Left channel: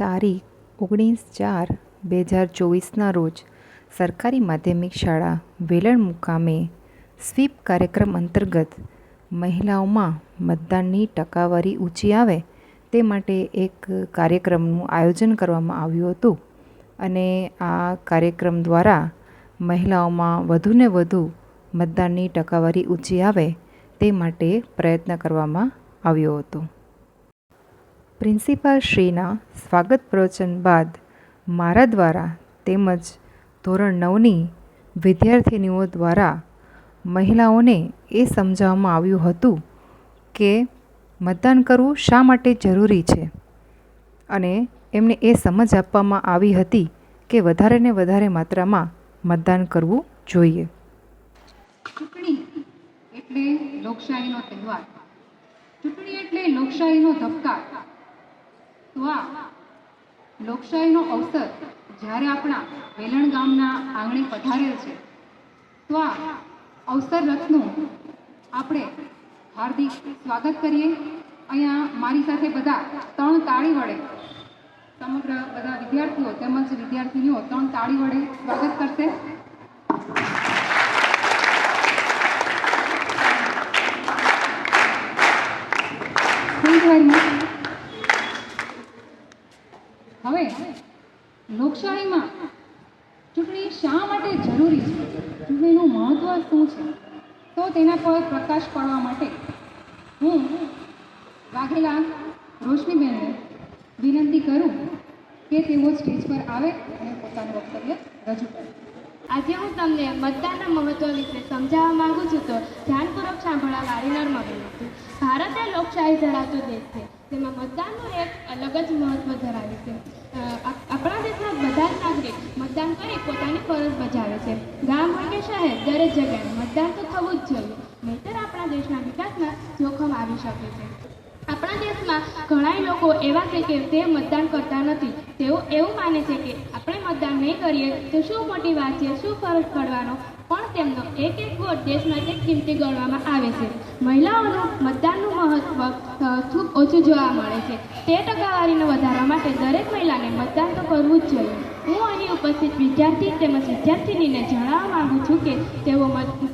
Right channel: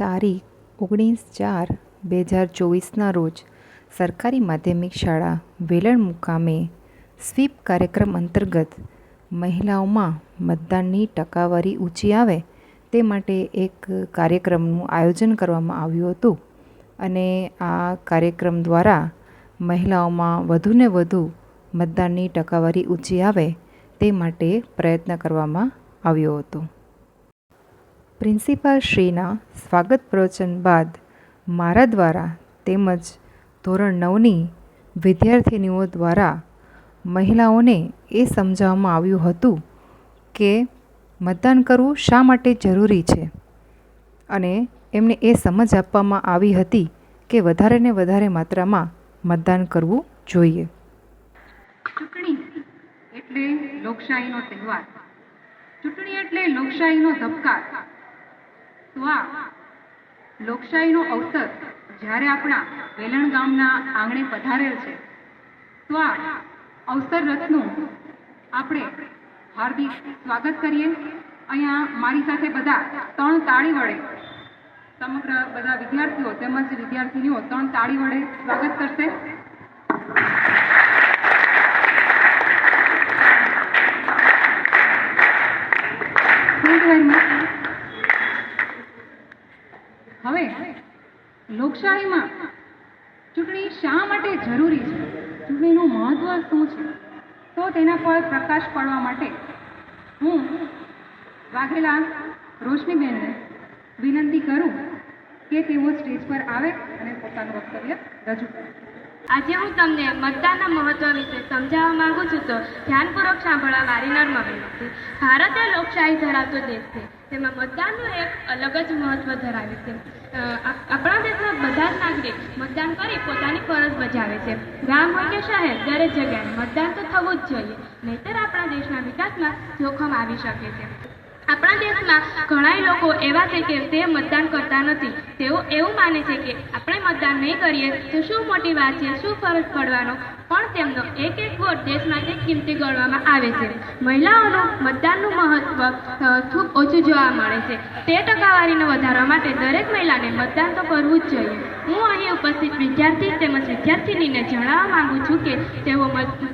તારીખ 19/4/2024ના રોજ સરકારી માધ્યમિક શાળા વેલણ મુકામે સ્વીપ કાર્યક્રમ અંતર્ગત મહિલાઓમાં મતદાનની ટકાવારી ઊંચી આવે તે માટે એક કાર્યક્રમનું આયોજન કરવામાં આવ્યું હતું અને આ કાર્યક્રમ દ્વારા મહિલાઓમાં વધુને વધુ મતદાનની ટકાવારી ઊંચી આવે તે માટે પ્રયત્ન કરવામાં આવ્યો હતો. પ્રિન્સિપાલ શ્રીના સ્વાગત પ્રવચન બાદ મારા દ્વારા તેમજ ધોરણ 9ની વિદ્યાર્થિનીઓ દ્વારા મહિલાઓને એ સમજાવવામાં આવ્યું હતું કે મતદાન કરવું શા માટે જરૂરી છે અને એમને એ સમજ આપવામાં આવી હતી કે વધારે ને વધારે માત્રામાં મતદાન કરવું જોઈએ. ચૂંટણી એટલે લોકશાહીનો તહેવાર, ચૂંટણી એટલે લોકશાહીનો ધબકાર. તો આ લોકશાહીનો અવસર જ્યારે આપણા વેલણ ગામના આંગણે પધારેલ છે તો આ અવસર રથનું આપણે હાર્દિક સ્વાગત કરીએ. અહીંયા મારી સાથે બધા 3 તાળી વડે સમગ્ર બધા વિદ્યાર્થીઓ તેમજ વિદ્યાર્થીનીઓ 3 તાળી વડે સ્વાગત કરશે. હવે લોકશાહીમાં ચૂંટણી શા માટે જરૂરી છે, ચૂંટણીનું મહત્વ શું છે, તો તેના પર પ્રકાશ પાડવા માટે હું વાઘેલા રોશનીબેનને વિનંતી કરું કે તેઓ સ્ટેજ પર આવે અને પોતાનું વક્તવ્ય રજૂ કરે. આજે હું તમને મતદાનના મહત્વ વિશે સમજાવવા માંગુ છું, તો ધ્યાનપૂર્વક સાંભળવા મારી નમ્ર વિનંતી. ભારત એ લોકશાહી ધરાવતો દેશ છે, જેમાં મતદાનનું એક અલગ જ મહત્વ ધરાવે છે. આપણા દેશના બધા જ નાગરિક મતદાન કરી પોતાની ફરજ બજાવે છે. ગામ હોય કે શહેર, દરેક જગ્યાએ મતદાન તો થવું જ જોઈએ, નહીંતર આપણા દેશના વિકાસમાં જોખમ આવી શકે છે. આપણા દેશમાં ઘણા લોકો એવા છે કે તે મતદાન કરતા નથી. તેઓ એવું માને છે કે આપણે મતદાન નહીં કરીએ તો શું મોટી વાત છે, શું ફરક પડવાનો, પણ તેમનો એક વોટ દેશ માટે કિંમતી ગણવામાં આવે છે. મહિલાઓનું મતદાનનું મહત્વ ખૂબ ઓછું જોવા મળે છે. તે ટકાવારીને વધારવા માટે દરેક મહિલાને મતદાન તો કરવું જ જોઈએ. હું અહીં ઉપસ્થિત વિદ્યાર્થી તેમજ વિદ્યાર્થીનીને જણાવવા માંગુ છું કે તેઓ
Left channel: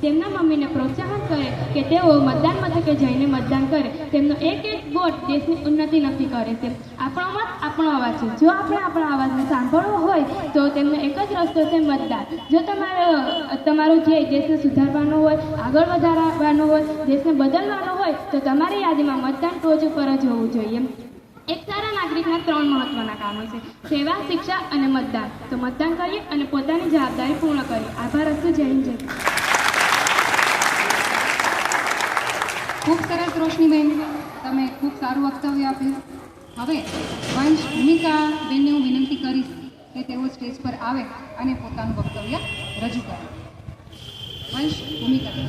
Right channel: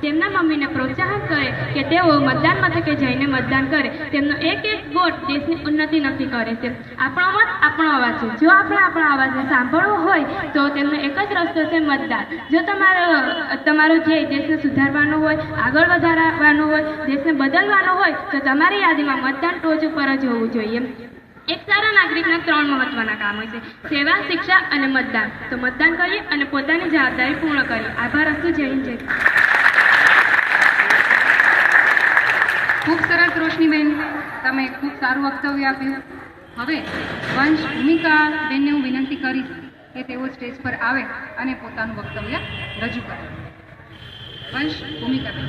તેમના મમ્મીને પ્રોત્સાહન કરે કે તેઓ મતદાન મથકે જઈને મતદાન કરે. તેમનો એક વોટ દેશની ઉન્નતિ નક્કી કરે છે. આપણો મત આપણો અવાજ છે. જો આપણે આપણા અવાજને સાંભળવો હોય તો તેમનો એક જ રસ્તો છે મતદાન. જો તમારો ધ્યેય દેશને સુધારવાનો હોય, આગળ વધારવાનો હોય, દેશને બદલવાનો હોય તો તમારી યાદીમાં મતદાન ટોચ ઉપર જ હોવું જોઈએ. એક સારા નાગરિકના 3 મહત્વના કામ હોય છે: સેવા, શિક્ષા અને મતદાન. તો મતદાન કરીએ અને પોતાની જવાબદારી પૂર્ણ કરીએ. આભાર. હસ્તુ. જય હિન્દ, જય. ખૂબ સરસ રોશનીબેન, તમે ખૂબ સારું વક્તવ્ય આપ્યું. હવે વંશ ભૂમિકા બેનને હું વિનંતી કરીશ કે તેઓ સ્ટેજ પર આવે અને પોતાનું વક્તવ્ય રજૂ કરે. વંશ ભૂમિકા બેન.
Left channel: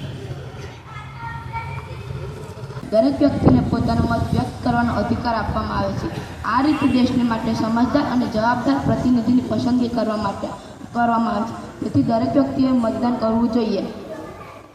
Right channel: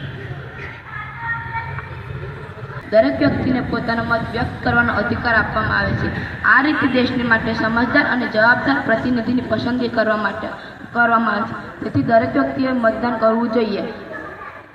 દરેક વ્યક્તિને પોતાનો મત વ્યક્ત કરવાનો અધિકાર આપવામાં આવે છે. આ રીતે દેશની માટે સમજદાર અને જવાબદાર પ્રતિનિધિની પસંદગી કરવામાં આવે છે. તેથી દરેક વ્યક્તિએ મતદાન કરવું જોઈએ.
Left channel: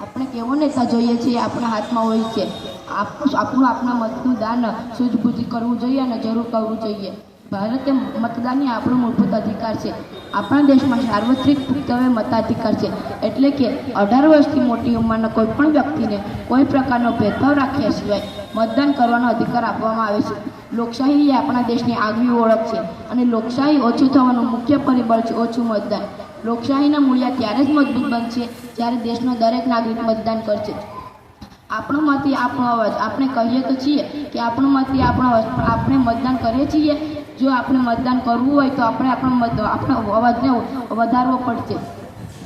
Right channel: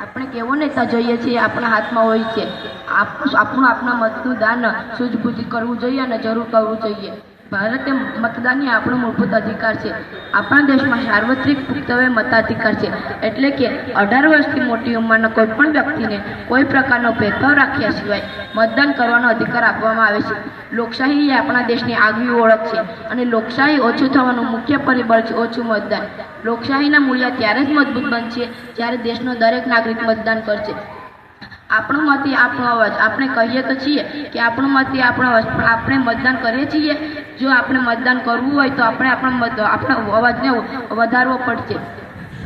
આપણે કેવો નેતા જોઈએ છીએ આપણા હાથમાં હોય છે. આપણા મતનું દાન સૂઝબૂઝથી કરવું જોઈએ અને જરૂર કરવું જોઈએ. ભારતે મતદાનની આપણો મૂળભૂત અધિકાર છે. આપણા દેશમાં સાર્વત્રિક પુખ્તવય મતાધિકાર છે, એટલે કે 18 વર્ષથી મોટી ઉંમરના કોઈ પણ વ્યક્તિને કોઈ પ્રકારનો ભેદભાવ રાખ્યા સિવાય મતદાન કરવાનો અધિકાર આપવામાં આવે છે. લોકશાહી એ આપણા દેશની આગવી ઓળખ છે અને લોકશાહી ઓછું થવાનું મુખ્ય પરિબળ છે ઓછું મતદાન. લોકશાહીના મૂલ્ય ત્યારે જ મજબૂત બનશે જ્યારે દેશનો દરેક નાગરિક મતદાન કરશે. આપણો મત એ આપણો અવાજ. આપણે કહીએ તો છીએ કે આપણો મત એ આપણો અવાજ, પણ આપણે મતદાન કરીએ છીએ. જો આપણે મતદાન કરવું હોય તો આપણે આપણા અવાજને વધારવો પડશે.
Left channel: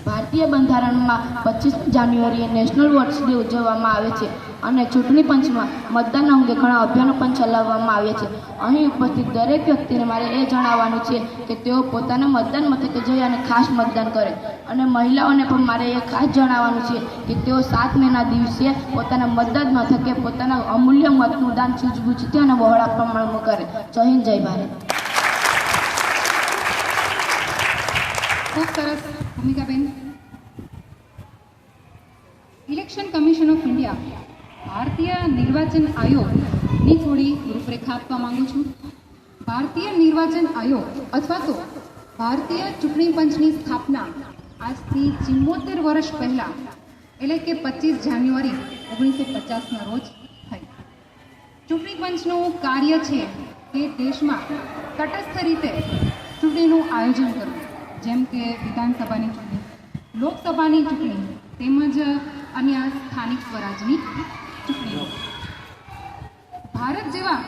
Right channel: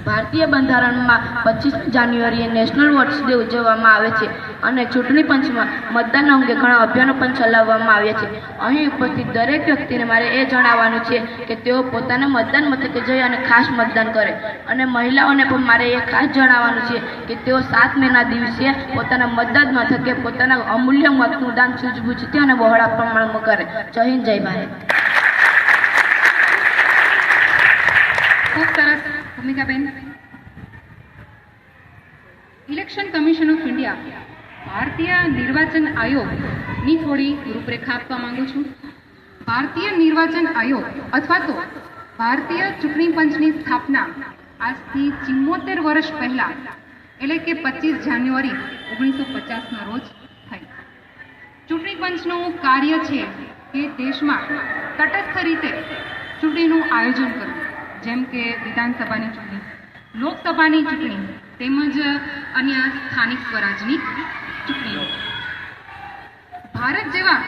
ભારતીય બંધારણમાં 25 જાન્યુઆરીએ નેશનલ વોટ્સ ડે ઉજવવામાં આવે છે અને ચૂંટણી પંચમાં મતદાન અંગે ઘણા અભિયાનો પણ ચલાવવામાં આવ્યા છે. અહીં ઉપસ્થિત દરેક વ્યક્તિને મારે એ જણાવવાનું છે કે તેઓ પોતાના મતદાન મથકે જઈ અને ખાસ મતદાન કરે. અને મહિલાઓને પણ મારે એ ખાસ જણાવવાનું છે કે તેઓ 7 મેના દિવસે પોતાના મતદાન મથકે પોતાના અમૂલ્ય મતનું દાન સૂઝબૂઝથી અને બહોળા પ્રમાણમાં કરે. જય હિન્દ, જય ભારત. ખૂબ સરસ Bhumikaben. Election commission of India, ભારતીય નિર્વાચન આયોગની થોડી રૂપરેખા આપવા માંગુ છું. ભારતીય નિર્વાચન આયોગ અથવા તો ભારતીય ચૂંટણી પંચની સ્થાપના આજથી 74 વર્ષ પહેલા એટલે કે 25 જાન્યુઆરી 1950ના રોજ થઈ. ચૂંટણી પંચનું કાર્ય છે કે દેશમાં તટસ્થ રીતે ચૂંટણીનું આયોજન કરવું, જેમ કે વિધાનસભાની ચૂંટણી, લોકસભાની ચૂંટણી તેમજ અન્ય સ્થાનિક સ્વરાજની ચૂંટણીઓ. ભારત જેવા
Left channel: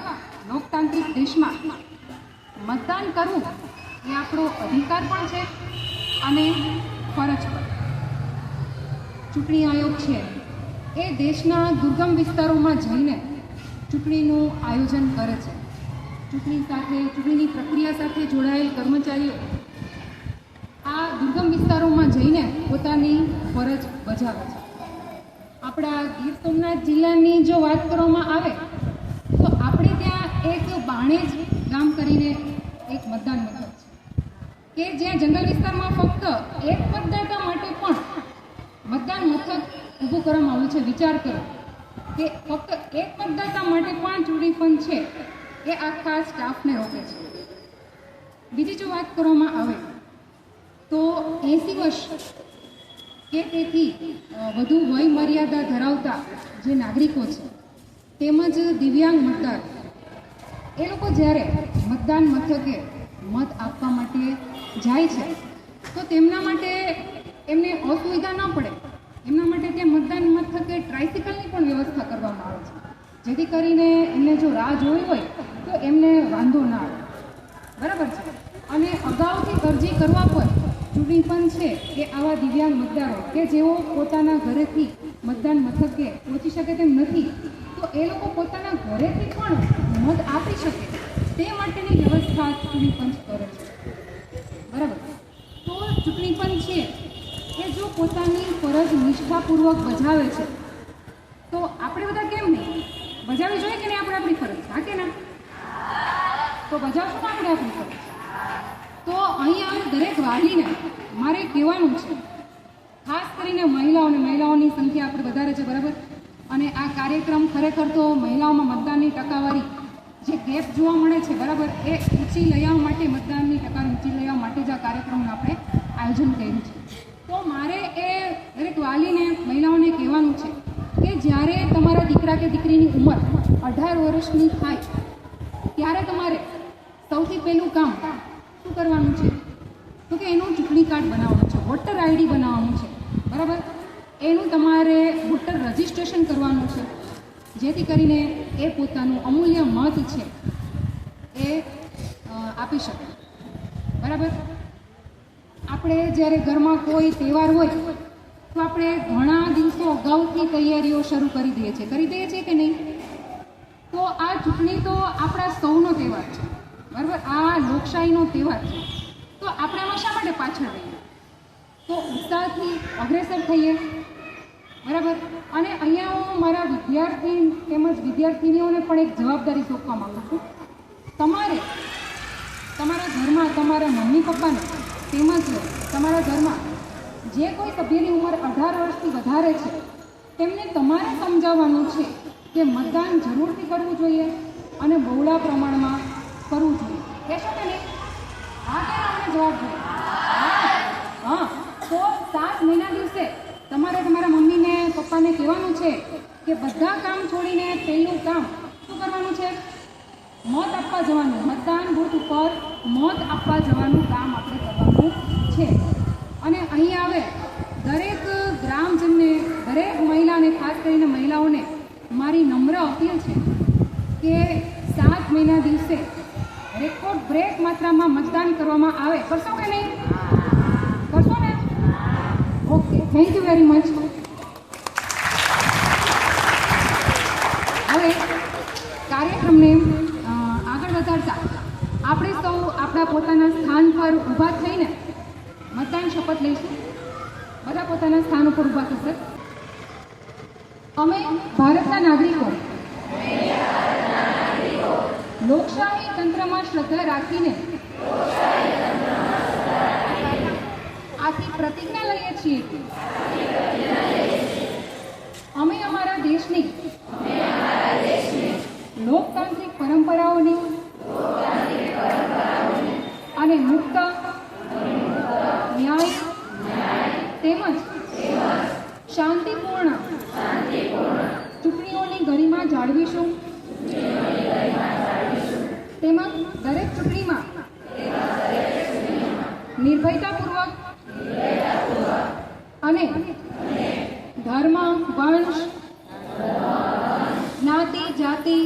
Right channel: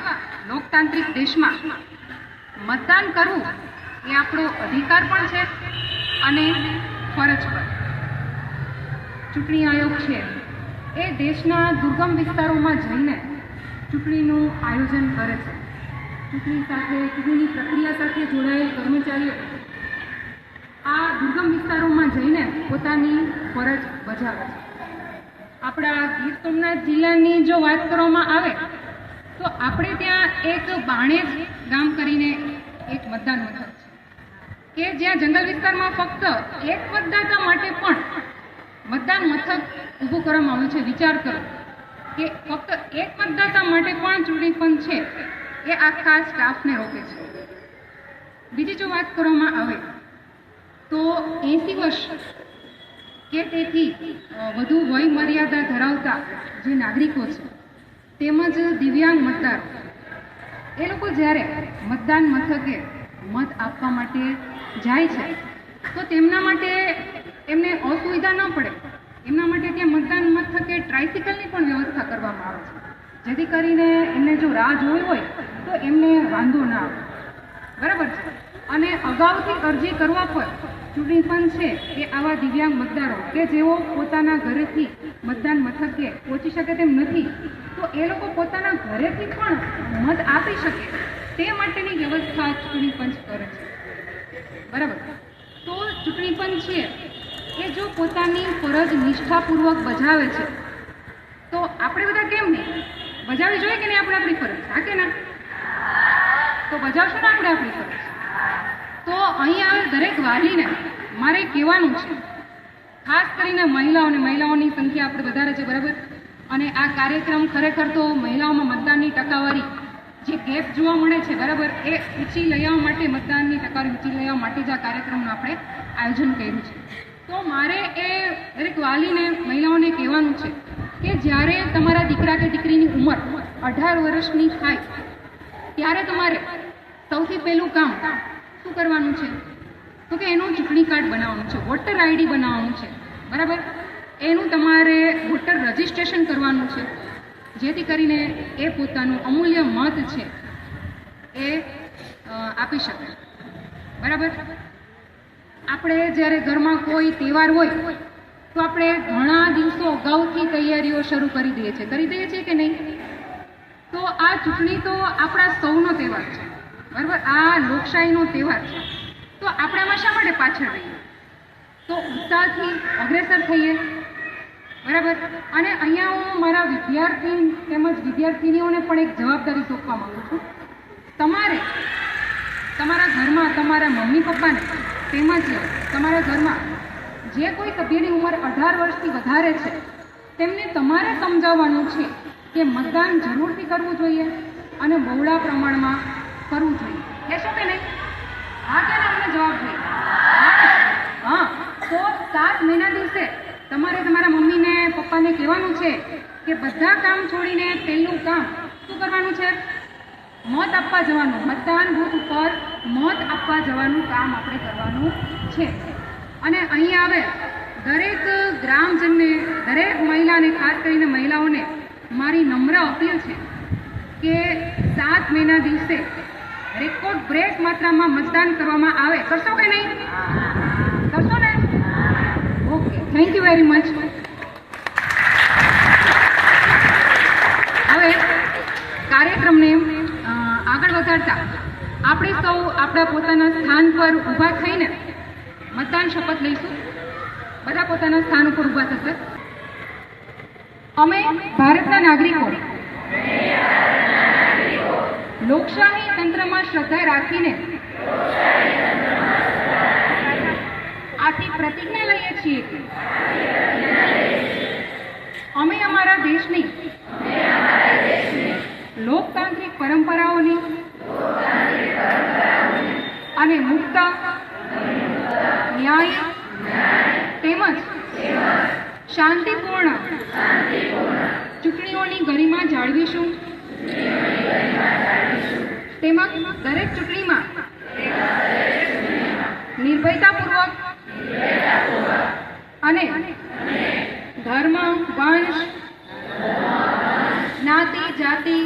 લોકતાંત્રિક દેશમાં મતદાન કરવું એ આપણો અધિકાર પણ છે અને ફરજ પણ. ચૂંટણી આયોગ છે એ દેશના દુર્ગમ વિસ્તારોમાં જઈને ચૂંટણીનું આયોજન કરે છે. ચૂંટણીની પ્રક્રિયા સાથે જોડાયેલ કર્મચારીઓ આ દુર્ગમ વિસ્તારોમાં જઈને પોતાની ફરજ બજાવે છે. આપણા ગીર સોમનાથ જિલ્લાની જો વાત કરવામાં આવે તો આપણે ત્યાં એક બાણેજ ગામ કરીને એક મતદાન મથક છે કે જ્યાં જંગલ વિસ્તારમાં ફક્ત એક મતદાતા માટે પણ મતદાન મથક ઊભું કરવામાં આવ્યું છે. વિચાર કરો કે ફક્ત એક મતદાતા માટે પણ ચૂંટણી પંચ છે એ આખા સ્ટાફને રોકે છે. બીજી જો વાત કરવામાં આવે તો 80 વર્ષ કે તેથી વધુ વય મર્યાદા ધરાવતા જે નાગરિકો છે તેમજ દિવ્યાંગ મતદાર એ લોકો જ્યારે મતદાન મથકે મત આપવા માટે જાય છે તો તેમના માટે એમને અસુવિધા ન પડે એમના માટે ત્યાં મતદાન મથકે ટ્રાયસિકલની પણ વ્યવસ્થા કરવામાં આવે છે, જેથી કરીને એમને જો રાહ જોવી હોય તો એમને વાંધો ના આવે. બરાબર છે. અને અગાઉથી અરજી કરવા પર ચૂંટણી પંચ છે એ આવા દિવ્યાંગ મતદારો કે જેઓ પોતાના ઘરેથી મતદાન મથકે પહોંચી શકે તેમ નથી તો એ લોકો પોતાના ઘરેથી પણ મત આપી શકે તે માટેની વ્યવસ્થા ચૂંટણી પંચ કરે છે. બરાબર. તો ચૂંટણી પંચ છે કે જો પોતાની ફરજ નિષ્ઠાપૂર્વક બજાવે છે તો આપણે બધા કેમ નહીં બજાવવી જોઈએ કે નહીં? આપણે આપણી ફરજ હા કે ના? તો બજાવશું ને આપણે આપણી ફરજ. તો અહીં આવે દરેક વાલીને મારે કહેવાનું છે, ખાસ કરીને મહિલાઓની સંખ્યા આપણે વધારે છે. બરાબર. અને આ કાર્યક્રમ ખરેખર તો મહિલાઓમાં મતદાનની ટકાવારી જે ગેપ જોવા મળે છે બરાબર એ ઊંચી લઈ આવવા માટે, મતદાનની ટકાવારી ઊંચી લઈ આવવા માટે જ આ કાર્યક્રમનું આપણે આયોજન કર્યું છે. તો મારે એ દરેક વાલીને મહિલાઓને કહેવાનું છે કે જ્યારે તમારા દીકરા કે દીકરીની ઉંમર 18 વર્ષની થાય ત્યારે તમારે સૌથી પહેલું કામ શું કરવાનું છે? તો કે એનું ચૂંટણી કાર્ડ બનાવવાનું છે, વોટર આઈડી બનાવવાનું છે. બરાબર. એનું તમારે વોટર રજિસ્ટ્રેશન કરવાનું છે, જેથી કરીને એ પોતાનું અમૂલ્ય મત છે એ આપી શકે. બરાબર. આપણે જ્યારે ઘરમાં કોઈ તહેવાર હોય તો આપણે ઘણા દિવસો અગાઉથી તૈયારીઓ શરૂ કરી દઈએ છીએ કે નહીં? તો આ ચૂંટણી તો આપણા સૌનો તહેવાર છે. બરાબર. આ લોકશાહીનો તહેવાર છે. તો આપણે આમાં શા માટે પાછળ રહીએ? તો ઉત્સાહથી અગ્રેસર થઈએ. બરાબર. અને અહીંયા હું મારા વિદ્યાર્થી તેમજ વિદ્યાર્થીનીઓને પણ એક જવાબદારી સોંપવા માગું છું. તમારે તમારા ઘરમાં તમારા મમ્મી પપ્પાને તેમજ તમારા ઘરમાં જે કોઈ સભ્યની ઉંમર 18 વર્ષથી વધારે છે તેમને તમારે સમજાવવાનું છે કે મતદાન જરૂરથી કરવું જોઈએ અને બહોળા પ્રમાણમાં કરવું જોઈએ. કહેશો કે નહીં? હા કે ના? અમને જવાબ જોઈએ. હા. તો 7 મહિના દિવસે તમારે તમારા મમ્મીને પપ્પાને કહેવાનું છે કે બધા કામ છોડીને પહેલું કામ શું કરવાનું છે? મત આપવા જવાનું. મતદાન બૂથ ઉપર મત આપવા જવાનું કામ આપણે કરવાનું છે. અને અહીં આવે દરેક ગ્રામજનને, દરેક મહિલાને, ખાસ કરીને મહિલાઓને મારી નમ્ર અપીલ છે કે 7 મહિના દિવસે રેકોર્ડ બ્રેક માત્રામાં મતદાન કરવામાં આવે. કરશો કે નહીં? કરશો ને? Okay. Thank you very much. હવે કાર્યક્રમને આગળ વધારતા આપણે સૌ આપણા પોતાના સ્થાન પર ઊભા થઈને મતદાન શપથ લઈશું. બધા પોતાના સ્થાન ઉપર ઊભા થશે. અમે ભારતના નાગરિકો લોકશાહી તંત્રમાં શ્રદ્ધા રાખીને આથી પ્રતિજ્ઞા લઈએ છીએ કે અમે અમારા દેશની લોકતાંત્રિક પરંપરાઓની અને મુક્ત, ન્યાય તેમજ શાંતિપૂર્ણ ચૂંટણીઓની ગરિમા જાળવીશું. તેમજ દરેક ચૂંટણીમાં નિર્ભયતાપૂર્વક અને ધર્મ, વંશ, જ્ઞાતિ, જાતિ,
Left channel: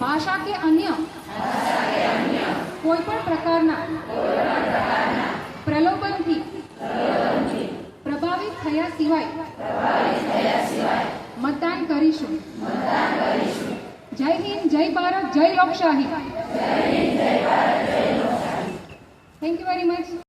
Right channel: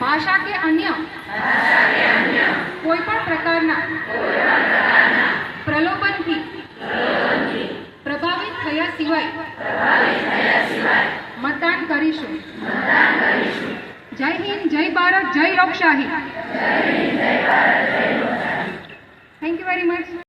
ભાષા કે અન્ય કોઈ પણ પ્રકારના પ્રલોભનથી પ્રભાવિત થયા સિવાય મતદાન કરીશું. જય હિન્દ, જય ભારત, જય લોકશાહી. Thank you very much.